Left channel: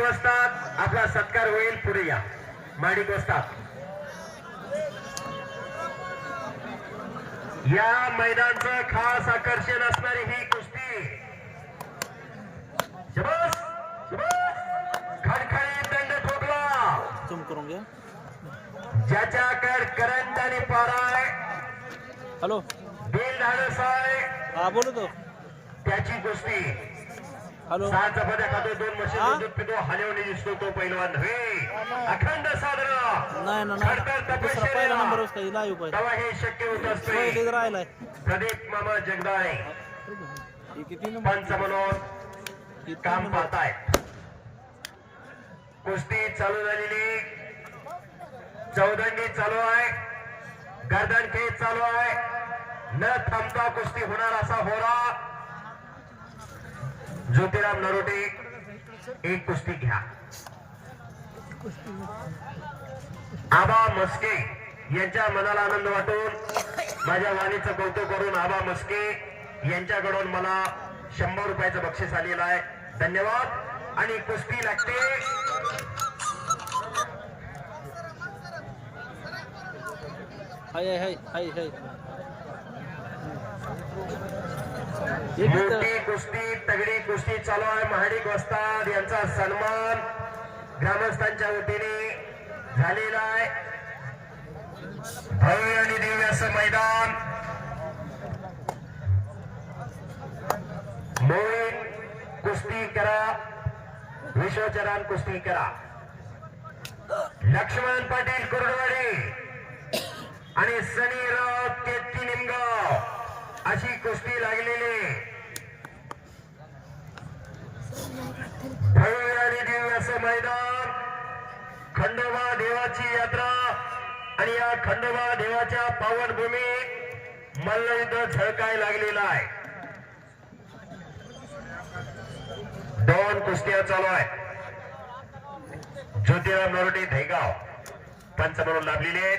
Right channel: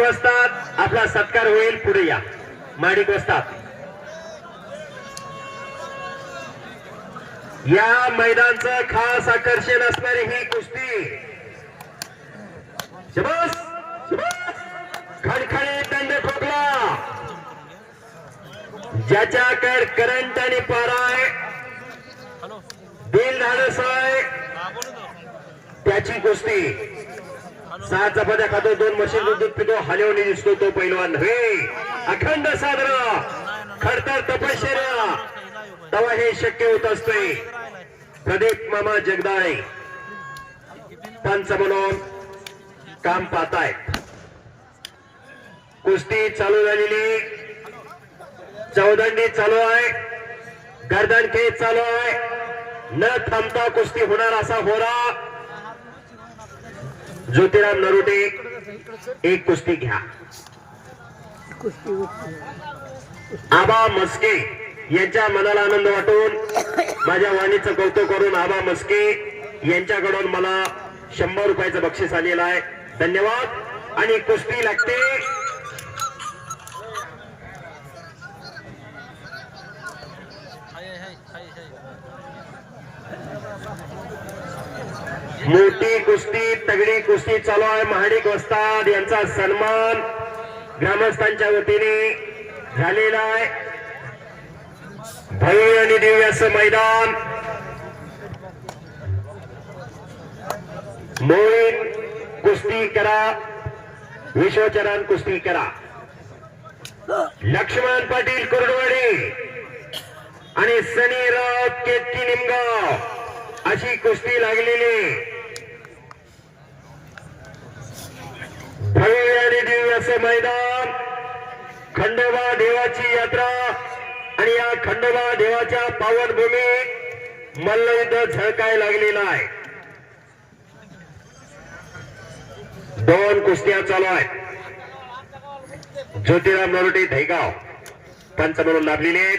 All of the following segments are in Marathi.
आपला सत्कार होईल. पुढे या. माडिक वस्तात या मैदानचं खास आकर्षण असणारी ही कुस्ती. शबास! शबास! खडखडे दंड ठोकला ज्याच्याकडे करंट आणि पारा आहे. हॅलो. दिल धाडस आहे त्याची कुस्ती. सहा चपात्या खातो दोन मशीन दूध पितो हलवणी दिसतो तो पैलवान. नव्हे अखंड साजरा नाही ना खडतर तपश्चर्या. तेव्हा हे शक्य होत असते. प्रदीप मामा जगदाळे. किती पंच म्हणून काम पाहताय. कुस्ती चालू झालेली. चौदंडी चालू आहे. गर्दन खेळ चालू आहे. न थांबता कुस्ती होणार असा होरा. ज्योतिराम नरोटे एक कुस्ती घ्या. आबा मस्के यांच्या मनाला आनंद वाटून माझ्या वाणीचं कौतुक करून आबा मस्के यांच्याकडून मला शंभर रुपयाचं बक्षीस आलेलं आहे. धन्यवाद. आणि कुस्ती लागते. हाय हाय हाय हाय. मोठी कुस्ती तगडी कुस्ती चालू आहे. महाडिक वस्ताद यांचा सन्मान ग्रामस्थांच्या वतीने झालेला आहे. भव्य आणि दिव्य असं मैदान. मोहीन कुस्ती करा. विश्वचरण कुस्ती करा. लक्ष्मण पाटील कुरडवाडी आणि सनी राव केतकी निमगाव. अशी कुस्ती लागलेली. भव्य आणि दिव्य असं मैदान. खंडोबा देवाची यात्रा आणि या खंडोबा देवाच्या पावनभूमी मल्लयुद्ध झळकाय लागलेला आहे. दोन कुस्त्या चालू आहेत. ज्योतिराम नरोटे धैगाव पंच म्हणून लाभलेले आहेत.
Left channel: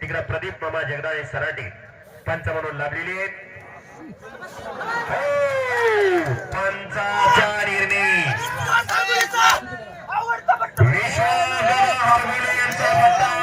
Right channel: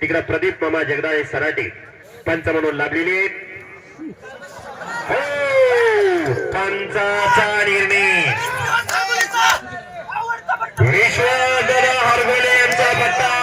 तिकडे प्रदीप मामा जगदाळे सराटे पंच म्हणून लाभलेले आहेत. पंचाचा निर्णय